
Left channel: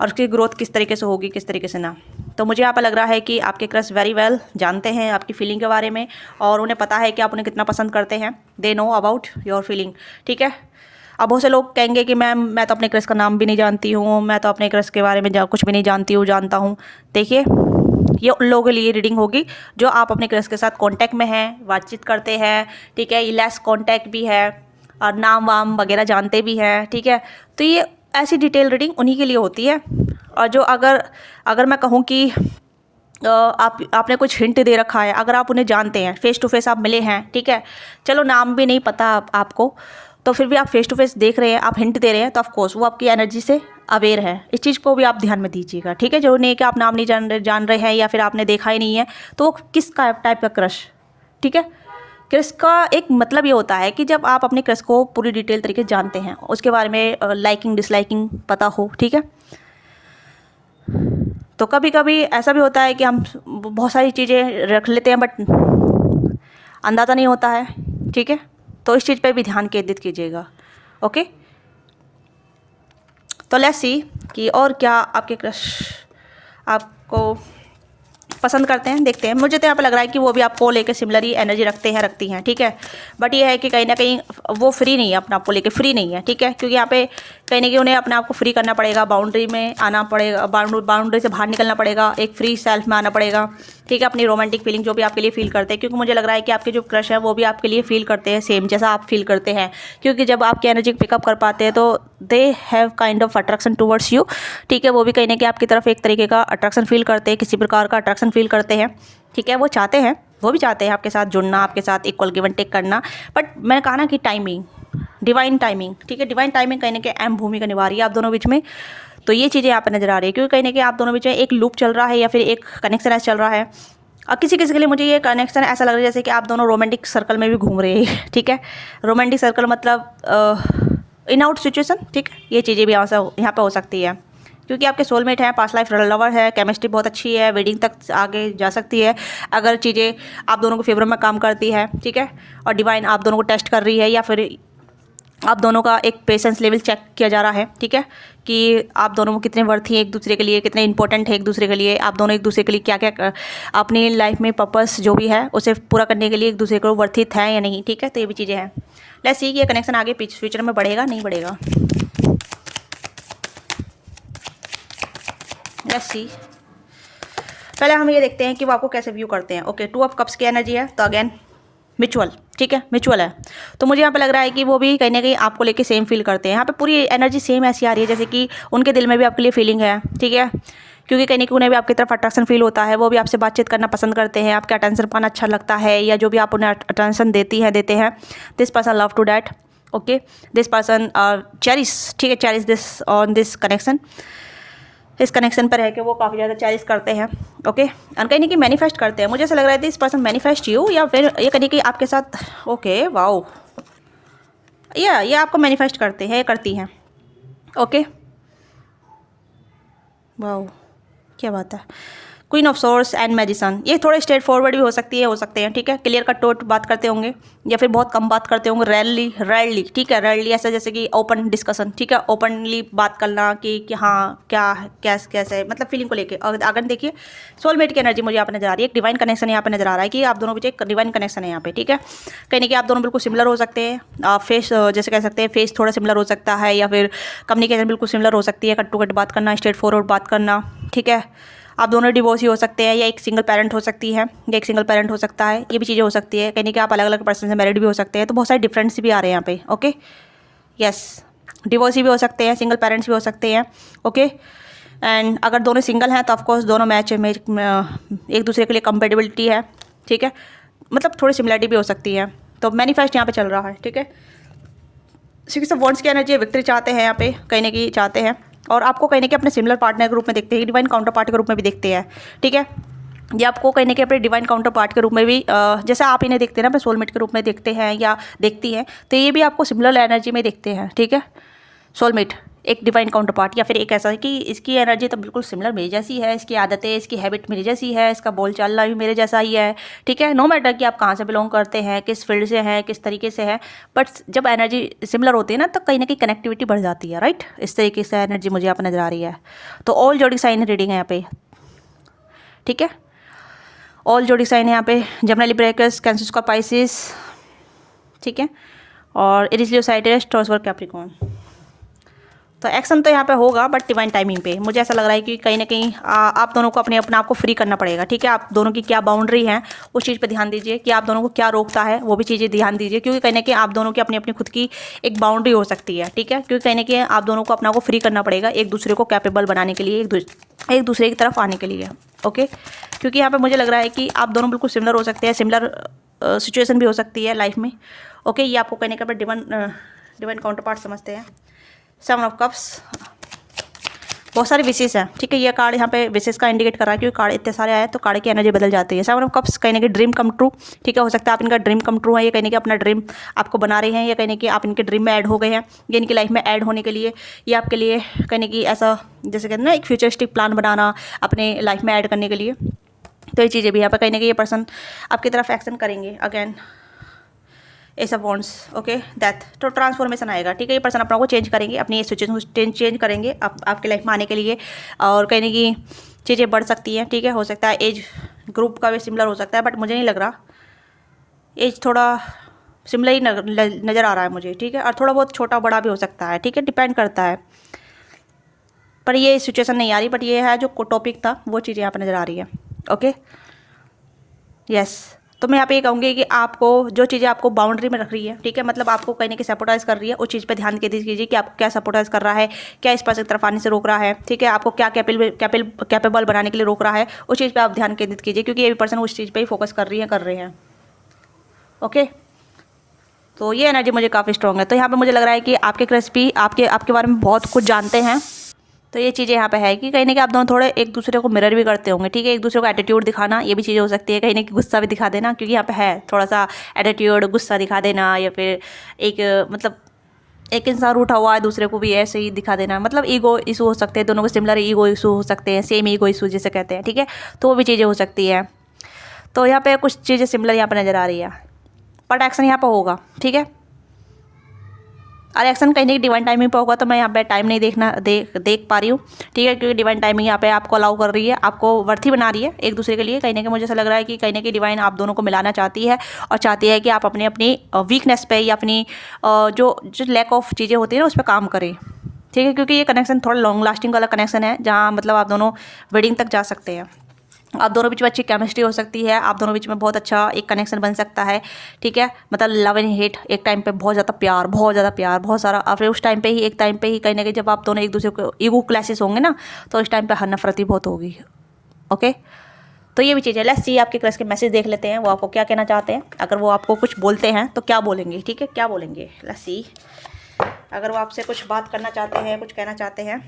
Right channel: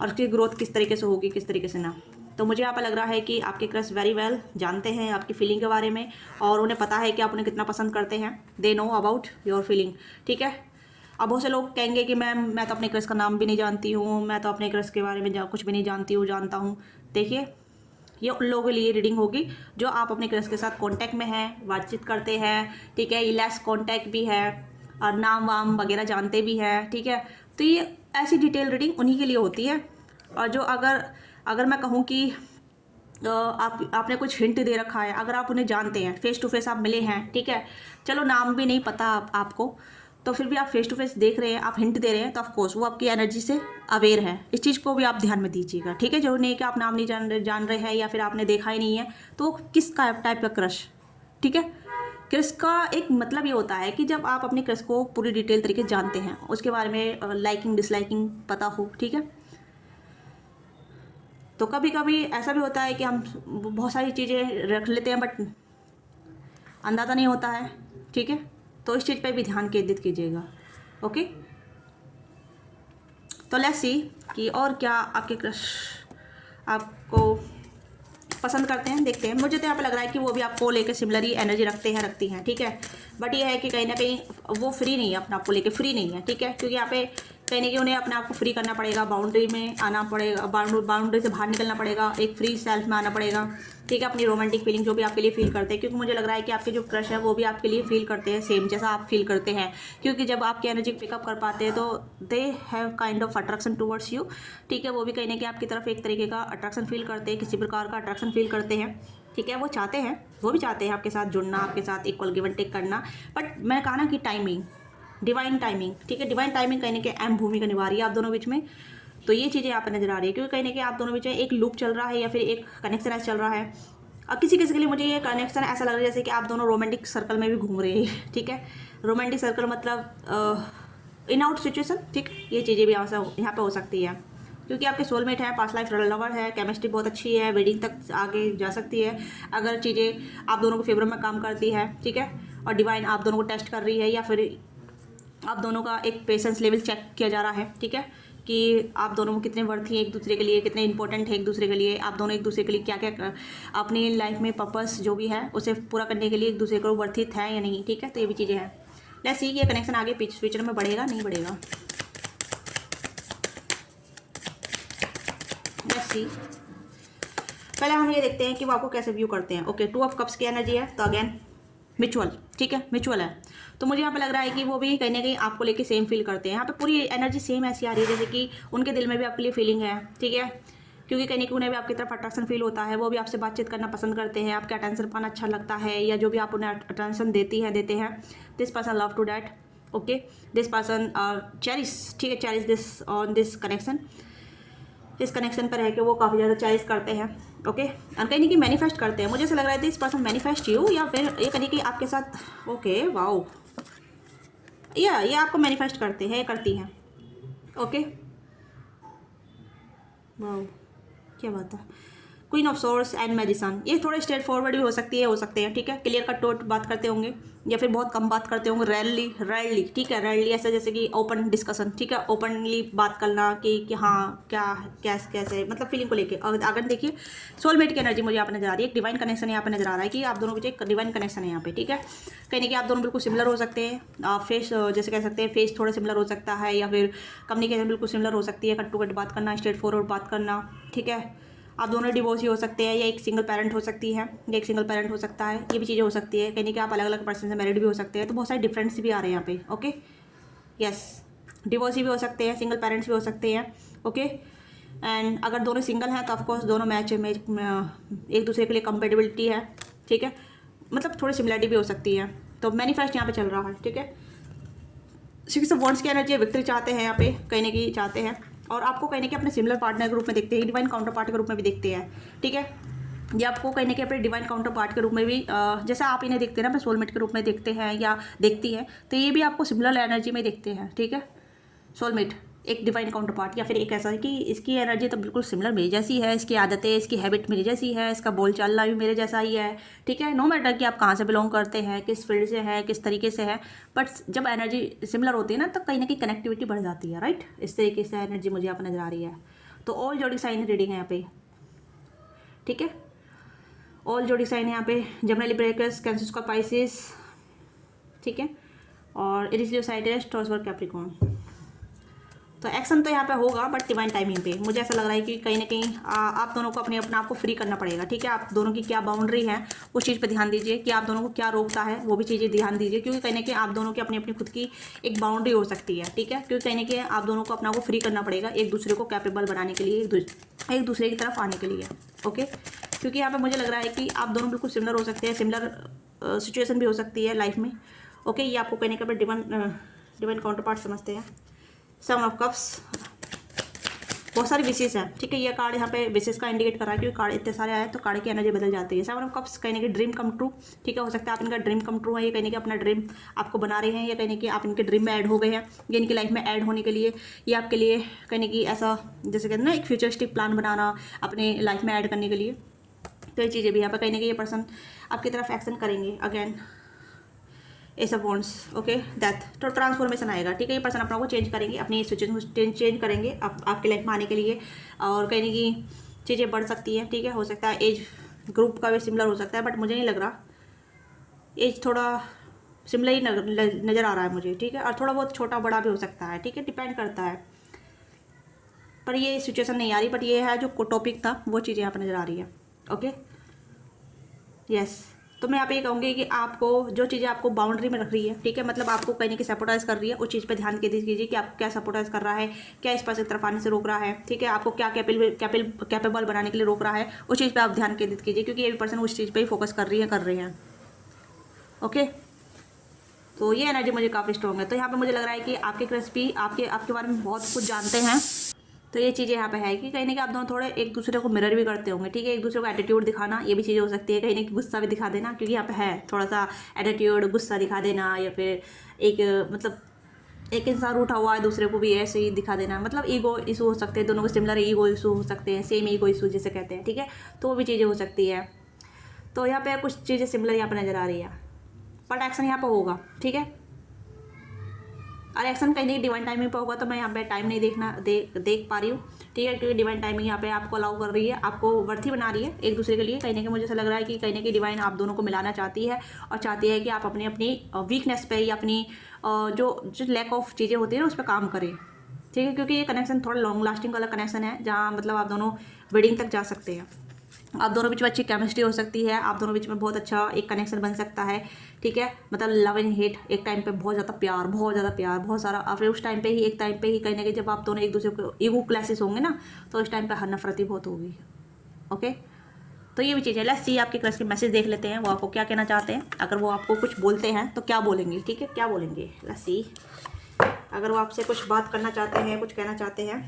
और उसकी ग्रोथ किस तरीके से होगी, किस तरीके से ना। तो मुझे यहाँ पर लग रहा है कि आपके क्रश वेरी वेल जानते हैं आपकी फीलिंग के बारे में, और उन्हें पता है कि आप उन्हें कितना पसंद करते हैं। They know about your feeling, ठीक है। अब बहुत से लोग कहेंगे कि मैम मैं तो अपने क्रश का नाम भी नहीं जानती हूँ, मैं तो अपने क्रश के बारे में कुछ भी नहीं जानता हूँ। देखिए, ये उन लोगों के लिए रीडिंग होगी जो आप अपने क्रश के साथ कांटेक्ट में हैं, बातचीत करते हैं, ठीक है, लेस कांटेक्ट भी है, और नाम वाम वगैरह जानते भी हैं, ठीक है। तो ये ऐसी डिटेल रीडिंग उन्हीं के लिए होती है। और जो अगर मैं कहूँ कि आपने कुछ हिंट दे रखा है, अगर आप उन्हें जानते हैं, फेस टू फेस आप मिले हैं, ठीक है, चलो नाम भी नहीं पता आपको, तो फिर भी आप फेस टू फेस देख रहे हैं, आप हिंट दे रहे हैं, तो ऑफकोर्स वो आपकी एनर्जी से अवेयर है। इस चीज़ को भी आप ध्यान में दीजिएगा, ठीक है। जो नहीं कि आप नाम नहीं जान रहे हैं, या फिर आपने देखा ही नहीं है, तो वो किस टाइप का क्रश, ठीक है। क्रश का एक मतलब ये होता है कि जब आप अपने क्रश को पूरी डिटेल तरीके से जानते हैं, उसके बारे में लाइकिंग डिसलाइकिंग पता हो, ठीक है। तो कभी कभी ऐसा भी होता है कि हम बहुत सारी चीज़ें रख लेते हैं, बट अंदाज़ा नहीं होता है, ठीक है। तो इस चीज़ पे भी ध्यान केंद्रित कीजिएगा, ओके। तो लेट्स सी कि और क्या आपके क्रश आपको पसंद करते हैं, देखते हैं। मुझे तो यहाँ पे लग रहा है कि वो भी आपको लेके सिमिलर ही एनर्जी रखती हैं, ठीक है। बट ये है कि कहीं ना कहीं वो फ्री नहीं है, अपने आप को लेके फ्री नहीं है, ठीक है। क्योंकि यहाँ पे कहीं ना कहीं उन्हें अपने आप को फ्री करना पड़ेगा, बाउंड्री में आना पड़ेगा, बाउंड्री से बाहर निकलना पड़ेगा, एक फ्री सेल्फ में आना पड़ेगा, ठीक है। अपनी रोमांटिक फीलिंग जो भी आपके लिए फील करते हैं, क्योंकि मुझे लग रहा है कि आपके जो क्रश है वो भी आपके लिए फील करते हैं सेम जैसा आप फील करते हैं। क्योंकि जब आपकी एनर्जी पिकअप कर पाते हैं, तो they have kind of attraction towards you, ठीक है। वो भी कहीं ना कहीं आपकी तरफ एक तरीके का अट्रैक्शन फील करते हैं, किसी प्रकार का अट्रैक्शन फील करते हैं, ठीक है। वो चाहते हैं, वो भी चाहते हैं आपके साथ जुड़ना, आपके साथ इक्वल गिव एंड टेक करना। बट मैंने कहा ना कि टाइमिंग, डिवाइन टाइमिंग, ठीक है। डिवाइन टाइमिंग कहीं ना कहीं अहम भूमिका निभा रही है आप दोनों बीच में। तो ये चीज़ें यहाँ पर नजर आ रही है, क्योंकि कहीं ना कहीं आप दोनों बीच में एक लूप चल रहा है, या फिर एक कनेक्शन ऐसा चल रहा है। और किसी किसी के लिए मुझे ये कनेक्शन ऐसा लग रहा है जैसे कि आप दोनों रोमांटिक सर्कल में भी घूम रहे हैं, ठीक है। रोमांटिक सर्कल मतलब इन आउट सिचुएशन, ठीक है। ये चीज़ें भी यहाँ पर हो सकती है, क्योंकि आपके सोलमेट है, पास्ट लाइफ लवर है, केमिस्ट्री बहुत अच्छी है, वेडिंग तक आगे जा सकती है अगर चीज़ें आप दोनों को फेवर में काम करती है, ठीक है। और डिवाइन आप दोनों को टेस्ट कर रही है, या फिर आप दोनों का एक पेशेंस लेवल चेक किया जा रहा है, ठीक है, कि आप दोनों कितने वर्थी हैं एक दूसरे के लिए, कितने इंपॉर्टेंट है एक दूसरे के लिए, आप दोनों एक दूसरे के लिए क्या क्या अपनी लाइफ में पर्पस जो भी है उसे पूरा करने के लिए एक दूसरे को वर्थित है या नहीं, ठीक है। तो ये भी चीज़ें हैं। लेट्स सी ये कनेक्शन आगे फ्यूचर में बढ़ेगा नहीं बढ़ेगा। लेट्स सी, पहले हम ये देखते हैं कि वो आपको कैसे व्यू करते हैं। ओके, 2 ऑफ कप्स की एनर्जी है, तो अगेन म्यूचुअल, ठीक है, म्यूचुअल है। तो मुझे यहाँ पे लग रहा है कि वो भी कहीं ना कहीं आपको लेके सेम फील करते हैं। यहाँ पे पूरी एनर्जी सेम ऐसी आ रही है जैसे कि उनके दिल में भी आपके लिए फीलिंग है, ठीक है, क्योंकि कहीं ना कहीं उन्हें भी आपकी तरफ अट्रैक्शन फील होता है। वो भी आपसे बातचीत करना पसंद करते हैं, आपके अटेंशन पाना अच्छा लगता है, या जो भी आप उन्हें अटेंशन देते हैं। This person love to date, okay, this person cherish, ठीक है, cherish this on this connection, इस कनेक्शन पर है कि वो काफ़ी ज़्यादा चेरिश करते हैं, ओके, और कहीं ना कहीं मैनिफेस्ट करते हैं। मुझे ऐसा लग रहा है दिस पर्सन मैनिफेस्ट यू, या फिर ये कहीं कि आपके साथ, ओके, वाओ, ये आपको मैनिफेस्ट करते हैं, करती हैं, ओके, वाओ, क्या बात है। Queen of source and magician, ये थोड़े स्ट्रेट फॉरवर्ड भी हो सकती है, हो सकते हैं, ठीक है, क्लियर कट टोट बात करते होंगे, या फिर बहुत कम बात करते होंगे, रेयरली, ठीक है, रेयरली ऐसा जैसे कि ओपन डिस्कशन, ठीक है, ओपनली बात करना कि हाँ क्या कैसे मतलब फीलिंग को लेके। और अगर देखिए सोलमेट की एनर्जी मुझे यहाँ पे नजर आ रही है, एक डिवाइन कनेक्शन यहाँ पे नजर आ रहा है कि आप दोनों के बीच एक डिवाइन कनेक्शन है यहाँ पे, ठीक है, कहीं ना कहीं आप दोनों बिल्कुल सिमिलर हो सकते हैं। फेस जैसे कह सकते हैं, फेस थोड़ा सिमिलर हो सकता है, या फिर कम्युनिकेशन बिल्कुल सिमिलर हो सकती है, कट टू कट बात करना, स्ट्रेट फॉरवर्ड बात करना, ठीक है। आप दोनों डिवोर्स ही हो सकते हैं, या एक सिंगल पेरेंट हो सकती है, या एक सिंगल पेरेंट हो सकता है, ये भी चीज़ें हो सकती है, कहीं कि आप अलग अलग पर्सन से मैरिड भी हो सकते हैं। तो बहुत सारे डिफरेंस भी आ रहे हैं यहाँ पे, ओके, यस, डिवोर्सी भी हो सकते हैं, सिंगल पेरेंट्स भी हो सकते हैं, ओके। एंड अगर दोनों सिंगल हैं तो ऑफकोर्स दोनों मैच एक दूसरे के लिए कंपेटेबिलिटी है, ठीक है, मतलब थोड़ी सिमिलरिटी भी हो सकती है। तो मैनिफेस्ट यहाँ पे चल रहा है, ठीक है। सिक्स ऑफ वॉन्ड्स की एनर्जी विक्ट्री चाहते हैं यहाँ पे, कहीं ना कहीं चाहते हैं, और आपको कहीं ना कहीं अपने सिमिलर पार्टनर के रूप में देखते हैं, डिवाइन काउंटर पार्ट के रूप में भी देखते हैं, ठीक है। ये आपको कहीं ना कहीं अपने डिवाइन काउंटर पार्ट के रूप में भी जैसे आप इन्हें देखते हैं ना, अपने सोलमेट के रूप में देखते हैं या देखती हैं, तो ये भी आपको सिमिलर एनर्जी में देखते हैं, ठीक है। सोलमेट एक डिवाइन काउंटर पार्ट, या फिर एक ऐसा है कि इसकी एनर्जी तो बिल्कुल सिमिलर मेरी जैसी है, इसकी आदतें, इसकी हैबिट मेरी जैसी है, इसका बोल चालना भी मेरे जैसा ही है, ठीक है। नो मैटर कि आप कहाँ से बिलोंग करते हैं, किस फील्ड से हैं, किस तरीके से हैं, बट जब एनर्जी सिमिलर होती है ना, तो कहीं ना कहीं कनेक्टिविटी बढ़ जाती है, राइट। इस तरीके से एनर्जी मुझे यहाँ पर नजर आ रही है। तो ऑल जोड़ी साइन रीडिंग है यहाँ पे, ठीक है, ऑल जोड़ी साइन है यहाँ पे, Gemini Libra Aquarius, Cancer Scorpio, ठीक है, और Aries Leo Sagittarius Taurus Virgo Capricorn. तो एक्शन तो यहाँ पे होगा बट डिवाइन टाइमिंग पे। मुझे ऐसा लग रहा है कि कहीं ना कहीं आप दोनों को अपने आप को फ्री करना पड़ेगा, ठीक है। आप दोनों की क्या बाउंड्री है उस चीज़ पे ध्यान दीजिए, कि आप दोनों को क्या रोकता है वो भी चीज़ें ध्यान दीजिए, क्योंकि कहीं ना कहीं आप दोनों की अपनी अपनी खुद की एक बाउंड्री हो सकती है, ठीक है, क्योंकि कहीं ना कहीं आप दोनों को अपना को फ्री करना पड़ेगा एक दूसरे को कैपेबल बनाने के लिए, एक दूसरे की तरफ आने के लिए, ओके। क्योंकि यहाँ पर मुझे लग रहा है कि आप दोनों बिल्कुल सिमिलर हो सकते हैं, सिमिलर सिचुएशन भी हो सकती है लाइफ में, ओके। ये आपको कहने का डिवाइन काउंटर पार्ट समझते हैं। सेवन ऑफ कप्स, बहुत सारे विशेष हैं, ठीक है। ये कार्ड यहाँ पे विशेष का इंडिकेट कर रहा है, क्योंकि कार्ड इतने सारे आए तो कार्ड की एनर्जी बदल जाती है। सेवन ऑफ कप्स कहीं ना कहीं ड्रीम कम ट्रू, ठीक है, हो सकता है आप इनका ड्रीम कम ट्रू है, ये कहीं ना कहीं अपना ड्रीम आपको बना रहे हैं, या कहीं ना कहीं आप इनके ड्रीम में ऐड हो गए हैं, ये इनकी लाइफ में ऐड होने के लिए, ये आपके लिए कहीं ना कहीं ऐसा जैसे कहते हैं ना एक फ्यूचरिस्टिक प्लान बनाना अपने लाइफ में ऐड करने के लिए। तो ये चीज़ें भी यहाँ पर कहीं ना कहीं ये पर्सन आपकी तरफ एक्शन करेंगे। Again S of wands, okay, death, तो ट्रांसफॉर्मेशन आएगा, ठीक है। ये पर्सन अपना को चेंज करेंगे, अपनी सिचुएशन को चेंज करेंगे आपके लाइफ में आने के लिए, और कहीं ना कहीं चीज़ें बढ़ सकती हैं, ठीक है। हो सकता है एज ग्रुप का भी सिमिलर हो सकता है, बट मुझे नहीं लग रहा, एज थोड़ा सिमिलर ही नज़र आ रहा है मुझे, ठीक है, और थोड़ा बहुत छोटा बड़ा भी हो सकता है, ठीक है, डिपेंड करता है, पर ये सिचुएशन नहीं आ रही, बट ये है जो टॉपिक था वो चीज़ें यहाँ पर नज़र आ रही है, ओके, यस। तो मैं यहाँ पे ये कहूँगी कि आपको जो चीज़ें आपको बाउंड्री में रख रही है, ठीक है, मतलब आपको कहीं ना कहीं सपोर्टाइज कर रही है, उस चीज़ पे ध्यान केंद्रित कीजिए कि आपको क्या सपोर्टाइज कर रहा है, क्या इस पर्सन की तरफ आने से रोक रहा है, ठीक है, आपको क्या कैपेबल बनाने के लिए रोक रहा है, उस चीज़ पे आप ध्यान केंद्रित कीजिए, क्योंकि ये भी पर्सन उस चीज़ पे ही फोकस कर रहे हैं, ओके। तो ये एनर्जी मुझे काफ़ी स्ट्रॉन्ग है। तो यहाँ पर मुझे लग रहा है कि आपके क्रश भी आपके बारे में बहुत कुछ जानते हैं। तो ये चीज़ें यहाँ पे है कि कहीं ना कहीं आप दोनों थोड़े एक दूसरे को मिरर भी करते होंगे, ठीक है, एक दूसरे को एटीट्यूड दिखाना, ये भी चीज़ें हो सकती है, कहीं ना कहीं गुस्सा भी दिखा देना, क्योंकि यहाँ पे है थोड़ा सा एटीट्यूड, गुस्सा दिखा देना, या फिर एक मतलब एक इंसान रूठा हुआ है दूसरे को भी ऐसे ही दिखा देना, मतलब ईगो इशू हो सकते हैं, दोनों को सिमिलर ईगो इशू हो सकते हैं, सेम ईगो इशू जैसे कहते हैं, ठीक है, तो वो भी चीज़ें हो सकती है। तो यहाँ पर कुछ चीज़ें सिमिलर यहाँ पर नज़र आ रही है, बट एक्शन यहाँ पर होगा, ठीक है, और एक्शन कहीं नहीं डिवाइन टाइमिंग पे होगा। तो मैं यहाँ पे टाइम नहीं देख पा रही हूँ, ठीक है, क्योंकि डिवाइन टाइमिंग यहाँ पे आपको अलाउ कर रही है, आपको वर्थी बना रही है एक दूसरे के लिए। कहीं ना कहीं मुझे ऐसा लग रहा है कि कहीं ना कहीं डिवाइन आप दोनों को मिलाना चाहती है, और चाहती है कि आप अपनी वीकनेस पे या अपनी जो लैक ऑफ चीज़ें होती है ना उस पर काम करें, ठीक है, क्योंकि ये कनेक्शन थोड़ा लॉन्ग लास्टिंग वाला कनेक्शन है, जहाँ मतलब आप दोनों वेडिंग तक जा सकते हैं, आप दोनों बीच में अच्छी केमिस्ट्री हो सकती है, आप दोनों बीच में बहुत अच्छा एक कनेक्शन बन सकता है, ठीक है। मतलब लव एंड हेट, एक टाइम पे बहुत ज़्यादा प्यार, बहुत सारा, और फिर उस टाइम पे ही एक टाइम पे ही कहीं ना कहीं जब आप दोनों एक दूसरे को ईगो क्लैशेस होंगे ना, तो उस टाइम पे हर नफरती बहुत होगी। ओके, तो ये भी चीज़ है। लेट्स सी आपके क्रश के मैसेज देख लेते हैं, वो आपको क्या कहना चाहते हैं। अगर वो आपको कुछ बोलते हैं तो क्या बोलेंगे, ठीक है, क्या बोलेंगे। लेट्स सी, अगर वो आपसे कुछ बात करना चाहते हैं, कुछ कहना चाहते हैं,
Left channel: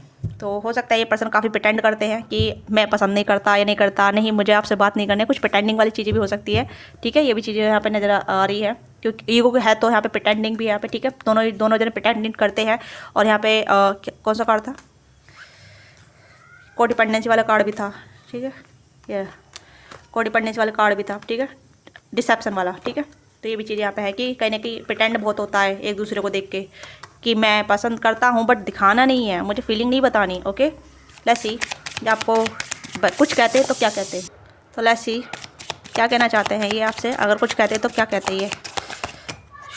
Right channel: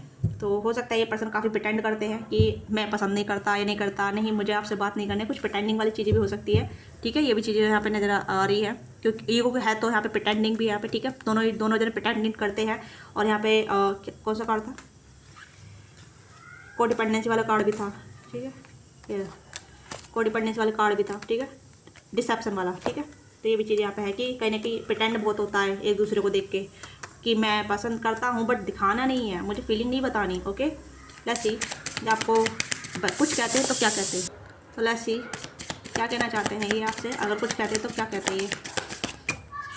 तो हो सकता है ये पर्सन काफ़ी प्रिटेंड करते हैं कि मैं पसंद नहीं करता या नहीं करता, नहीं मुझे आपसे बात नहीं करनी, कुछ प्रिटेंडिंग वाली चीज़ें भी हो सकती है, ठीक है। ये भी चीज़ें यहाँ पे नज़र आ रही है, क्योंकि ईगो है तो यहाँ पे प्रिटेंडिंग भी है यहाँ पे, ठीक है। दोनों जने प्रिटेंडिंग करते हैं। और यहाँ पे कौन सा कार्ड था, कोडिपेंडेंसी वाला कार्ड भी था, ठीक है, ये कोडिपेंडेंसी वाला कार्ड भी था, ठीक है, डिसेप्शन वाला, ठीक है। तो ये भी चीज़ यहाँ पे है कि कहीं ना कहीं प्रिटेंड बहुत होता है एक दूसरे को देख के, कि मैं पसंद करता हूँ बट दिखाना नहीं है, मुझे फीलिंग नहीं बतानी। ओके, लेट्स सी आपको कुछ कहते हैं तो क्या कहते हैं, तो लेट्स सी क्या कहना चाहते हैं ये आपसे। अगर कुछ कहते हैं तो क्या कहते हैं ये।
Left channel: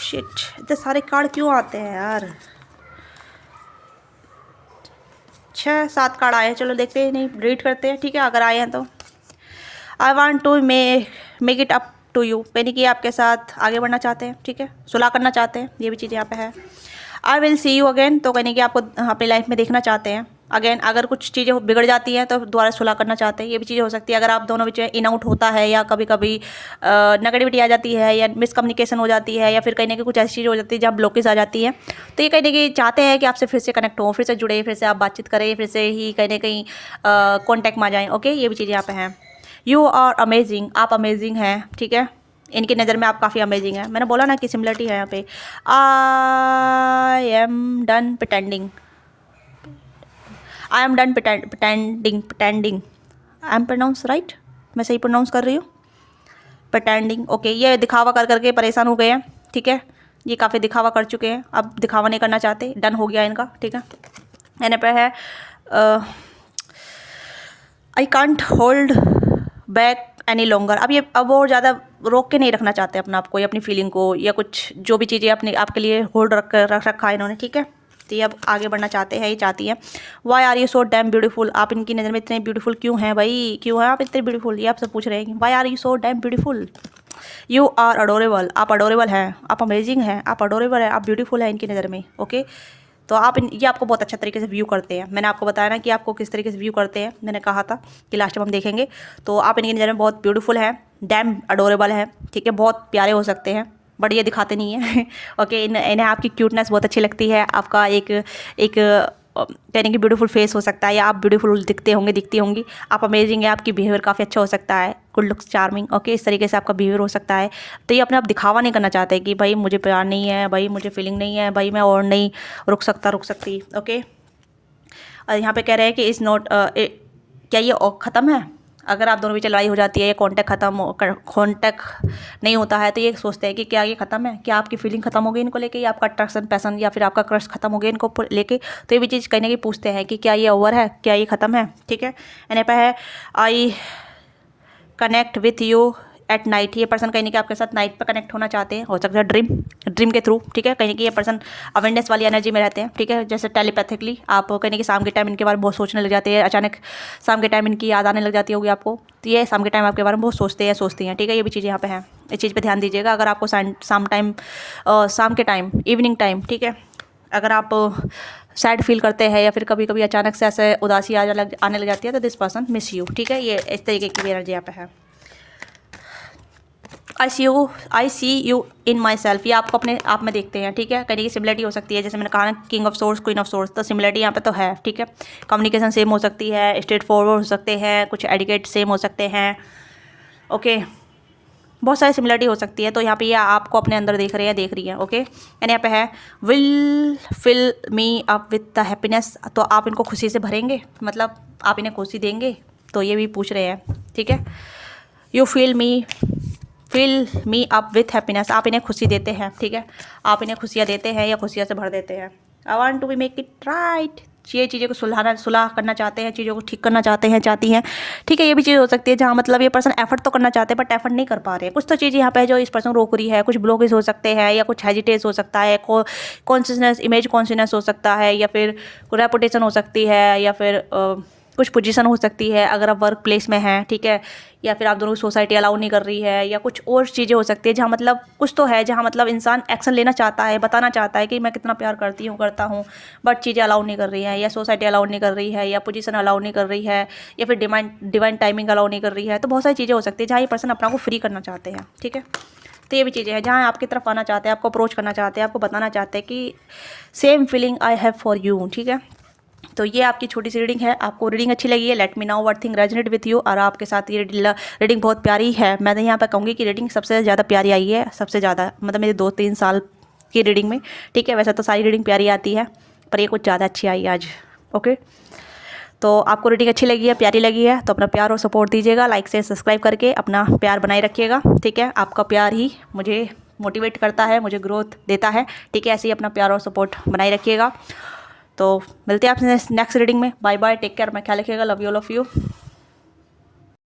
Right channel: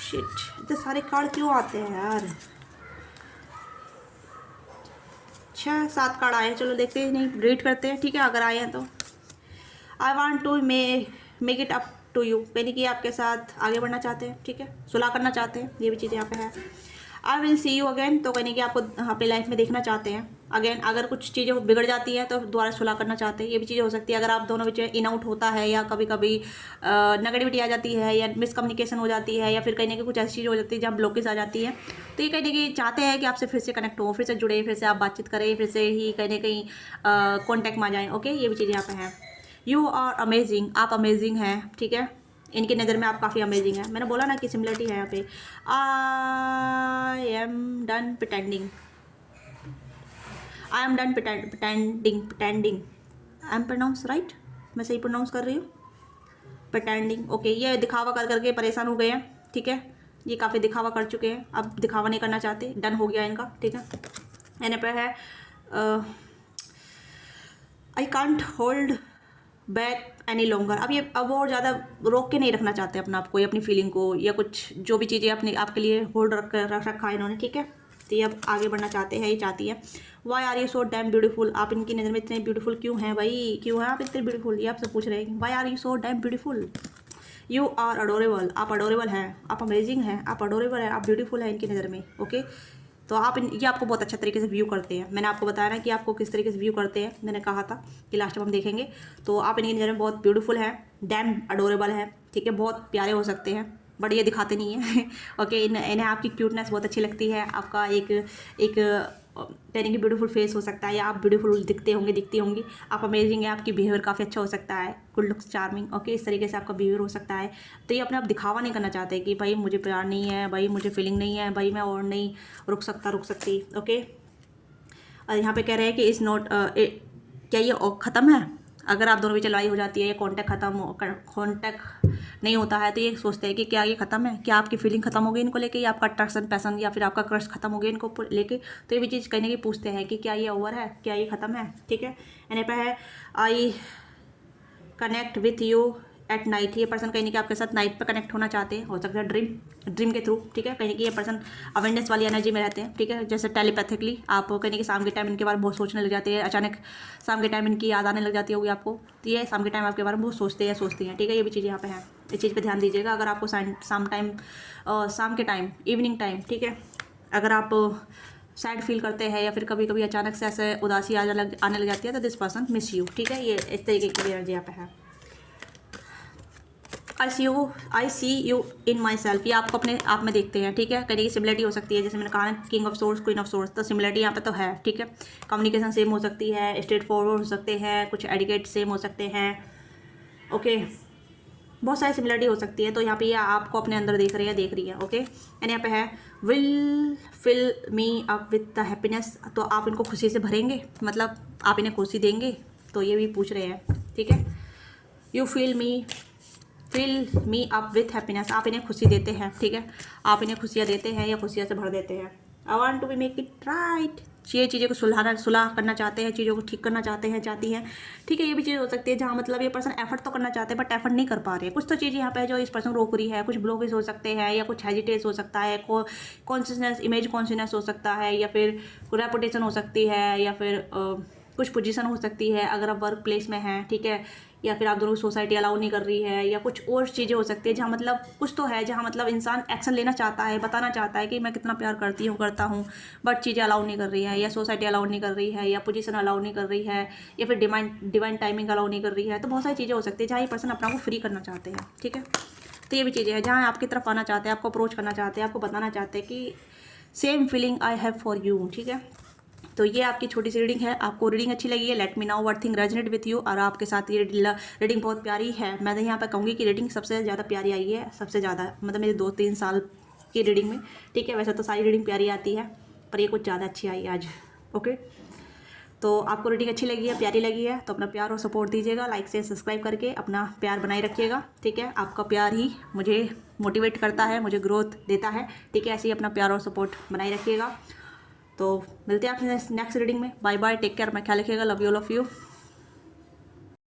शिट, इतने सारे कार्ड क्यों आते हैं यार, 6-7 कार्ड आए हैं, चलो देखते हैं, नहीं रीड करते हैं, ठीक है। अगर आए हैं तो I want to make it up to you, यानी कि आपके साथ आगे बढ़ना चाहते हैं, ठीक है, सुलह करना चाहते हैं, ये भी चीज़ यहाँ पे है। I will see you again, तो कहने कि आपको अपनी लाइफ में देखना चाहते हैं अगेन। अगर कुछ चीज़ें बिगड़ जाती हैं तो दोबारा सुलह करना चाहते हैं, ये भी चीज़ें हो सकती है। अगर आप दोनों बीच में इन आउट होता है, या कभी कभी नेगेटिविटी आ जाती है, या मिसकम्युनिकेशन हो जाती है, या फिर कहीं ना कहीं कुछ ऐसी चीज़ हो जाती है जहाँ ब्लॉकेज आ जाती है, तो ये कहीं ना कहीं चाहते हैं कि आपसे फिर से कनेक्ट हो, फिर से जुड़े, फिर से आप बातचीत करें, फिर से ही कहीं ना कहीं कॉन्टैक्ट में आ जाएँ। ओके, ये भी चीज़ें यहाँ पे हैं। यू आर अमेजिंग, आप अमेजिंग हैं, ठीक है, इनकी नज़र में आप काफ़ी अमेजिंग है। मैंने बोला ना कि सिमिलरिटी है यहाँ पे। I am done pretending, I am done pretending, I am pronounce right, मैं सही प्रोनाउंस कर रही हूँ, प्रिटेंडिंग। ओके, ये दिखावा कर करके परेशान हो गए हैं, ठीक है, ये काफ़ी दिखावा कर चुके हैं, अब दिखावा नहीं करना चाहते, डन हो गया इनका, ठीक है। यहाँ पे है I can't hold back any longer, अब वो ज़्यादा रोक के नहीं रखना चाहते अपना आपको, या अपनी फीलिंग को, या कुछ जो भी चीज़ें अपने आपके लिए होल्ड रख रखा है इन्होंने, ठीक है। तो ये अब आगे बढ़ना चाहते हैं, ये चाहती है। Why are you so damn beautiful, आप इनकी नज़र में इतने ब्यूटीफुल क्यों हैं भाई, क्यों हैं आप इतने ब्यूटीफुल, ये आपसे पूछ रहे हैं। Why are you so damn beautiful, you are adorable, आप अडोरेबल हैं, आप अमेजिंग हैं, आप अडोरेबल हैं, आप ब्यूटीफुल हैं इनकी नज़र में। ओके, तो आप ये आपको बहुत अच्छा तरीके से व्यू करते हैं। मैंने आपको बताया ना कि आपको किस तरीके से व्यू करते हैं, मैंने कहा था कि लास्ट टाइम हम देखेंगे। तो आप इनकी नज़र में बहुत ब्यूटीफुल हैं, डैम अडोरेबल है, ठीक है, बहुत प्यारे हो सकते हैं, बट ये दिखाते नहीं हैं। ओके, इन्हें आपकी क्यूटनेस बहुत अच्छी लगती है, आपका एक कहने की ब्यूटीफुल फेस हो सकता है, या आप ब्यूटीफुल दिखती होंगी, आप अमेजिंग है, आपकी बिहेवियर काफ़ी अच्छा हो सकता है, गुड लुक्स चार्मिंग। ओके, इस तरीके से आपका बिहेवियर हो सकता है। तो ये अपने आप दिखावा नहीं करना चाहते कि भाई मुझे प्यार नहीं है, भाई मुझे फीलिंग नहीं है, भाई मैं और नहीं रुक सकती। ओके, और यहाँ पे कह रहे हैं कि इज़ नॉट, क्या ये ख़त्म है। अगर आप दोनों बीच लड़ाई हो जाती है, या कॉन्टैक्ट नहीं होता है, तो ये सोचते हैं कि क्या ये ख़त्म है, क्या आपकी फीलिंग ख़त्म हो गई इनको लेके, या आपका अट्रैक्शन पैसन या फिर आपका क्रश ख़त्म हो गया इनको लेके। तो ये भी चीज़ कहीं ना कहीं पूछते हैं कि क्या ये ओवर है, क्या ये ख़त्म है, ठीक है। यानी पे है I connect with you at night, ये पर्सन कहीं ना कहीं आपके साथ नाइट पर कनेक्ट होना चाहते हैं, हो सकता है ड्रीम के थ्रू, ठीक है। कहीं ना कहीं ये पर्सन अवेयरनेस वाली एनर्जी में रहते हैं, ठीक है, जैसे टेलीपैथिकली आप कहीं ना कहीं शाम के टाइम इनके बारे में बहुत सोचने लग जाते हैं, अचानक शाम के टाइम इनकी याद आने लग जाती होगी आपको, तो ये शाम के टाइम आपके बारे में बहुत सोचती हैं, ठीक है। ये भी चीज़ यहाँ पे है, इस चीज़ पर ध्यान दीजिएगा। अगर आपको शाम के टाइम, इवनिंग टाइम, ठीक है, अगर आप सैड फील करते हैं, या फिर कभी कभी अचानक से ऐसे उदासी आने लग जाती है, तो दिस पर्सन मिस यू, ठीक है। ये इस तरीके की एनर्जी यहाँ पे है। आई सी यू इन माई सेल्फ, ये आपको अपने आप में देखते हैं, ठीक है। कहीं की सिमिलरिटी हो सकती है, जैसे मैंने कहा ना, king of source, queen of source, तो सिमिलरिटी यहाँ पे तो है, ठीक है। कम्युनिकेशन सेम हो सकती है, स्ट्रेट फॉरवर्ड हो सकते हैं, कुछ एडिकेट सेम हो सकते हैं। ओके, बहुत सारी सिमिलरिटी हो सकती है। तो यहाँ पे ये आपको अपने अंदर देख रही है। ओके, एंड यहाँ पे है will fill me up with the happiness, तो आप इनको खुशी से भरेंगे, मतलब आप इन्हें खुशी देंगे, तो ये भी पूछ रहे हैं, ठीक है। You fill me up with happiness, आप इन्हें खुशी देते हैं, ठीक है, आप इन्हें खुशियाँ देते हैं या खुशियाँ से भर देते हैं। I want to be make it right, ये चीज़ों को सुलह करना चाहते हैं, चीज़ों को ठीक करना चाहती हैं, ठीक है। ये भी चीज़ हो सकती है जहाँ मतलब ये पर्सन एफर्ट तो करना चाहते हैं बट एफर्ट नहीं कर पा रहे हैं। कुछ तो चीज़ यहाँ पे है जो इस पर्सन रोक रही है, कुछ ब्लॉकेज हो सकते हैं, या कुछ हेजिटेज हो सकता है, इमेज कॉन्शियसनेस हो सकता है, या फिर रेपुटेशन हो सकती है, या फिर कुछ पोजीशन हो सकती है अगर आप वर्क प्लेस में हैं, ठीक है, या फिर आप दोनों की सोसाइटी अलाउ नहीं कर रही है, या कुछ और चीज़ें हो सकती है जहाँ मतलब कुछ तो है जहाँ मतलब इंसान एक्शन लेना चाहता है, बताना चाहता है कि मैं कितना प्यार करता हूँ, बट चीज़ें अलाउ नहीं कर रही हैं, या सोसाइटी अलाउ नहीं कर रही है, या पोजीशन अलाउ नहीं कर रही है, या फिर डिवाइन टाइमिंग अलाउ नहीं कर रही है। तो बहुत सारी चीज़ें हो सकती है जहाँ ये पर्सन अपना को फ्री करना चाहते हैं, ठीक है। तो ये भी चीज़ें हैं जहाँ आपकी तरफ आना चाहते हैं, आपको अप्रोच करना चाहते हैं, आपको बताना चाहते हैं कि same feeling I have for you, ठीक है। तो ये आपकी छोटी सी रीडिंग है। आपको रीडिंग अच्छी लगी है, let me know what thing resonate with you. और आपके साथ ये रीडिंग बहुत प्यारी है। मैं यहाँ पर कहूँगी कि रीडिंग सबसे ज़्यादा प्यारी आई है, सबसे ज़्यादा मतलब मेरे 2-3 साल की रीडिंग में, ठीक है। वैसे तो सारी रीडिंग प्यारी आती है, पर ये कुछ ज़्यादा अच्छी आई आज, ओके। तो आपको रीडिंग अच्छी लगी है, प्यारी लगी है, तो अपना प्यार और सपोर्ट दीजिएगा, लाइक से सब्सक्राइब करके अपना प्यार बनाए रखिएगा, ठीक है। आपका प्यार ही मुझे मोटिवेट करता है, मुझे ग्रोथ देता है, ठीक है। ऐसे ही अपना प्यार और सपोर्ट बनाए रखिएगा। तो मिलते हैं आपसे नेक्स्ट रीडिंग में। बाय बाय, टेक केयर, मैं ख्याल रखिएगा, love you all of you.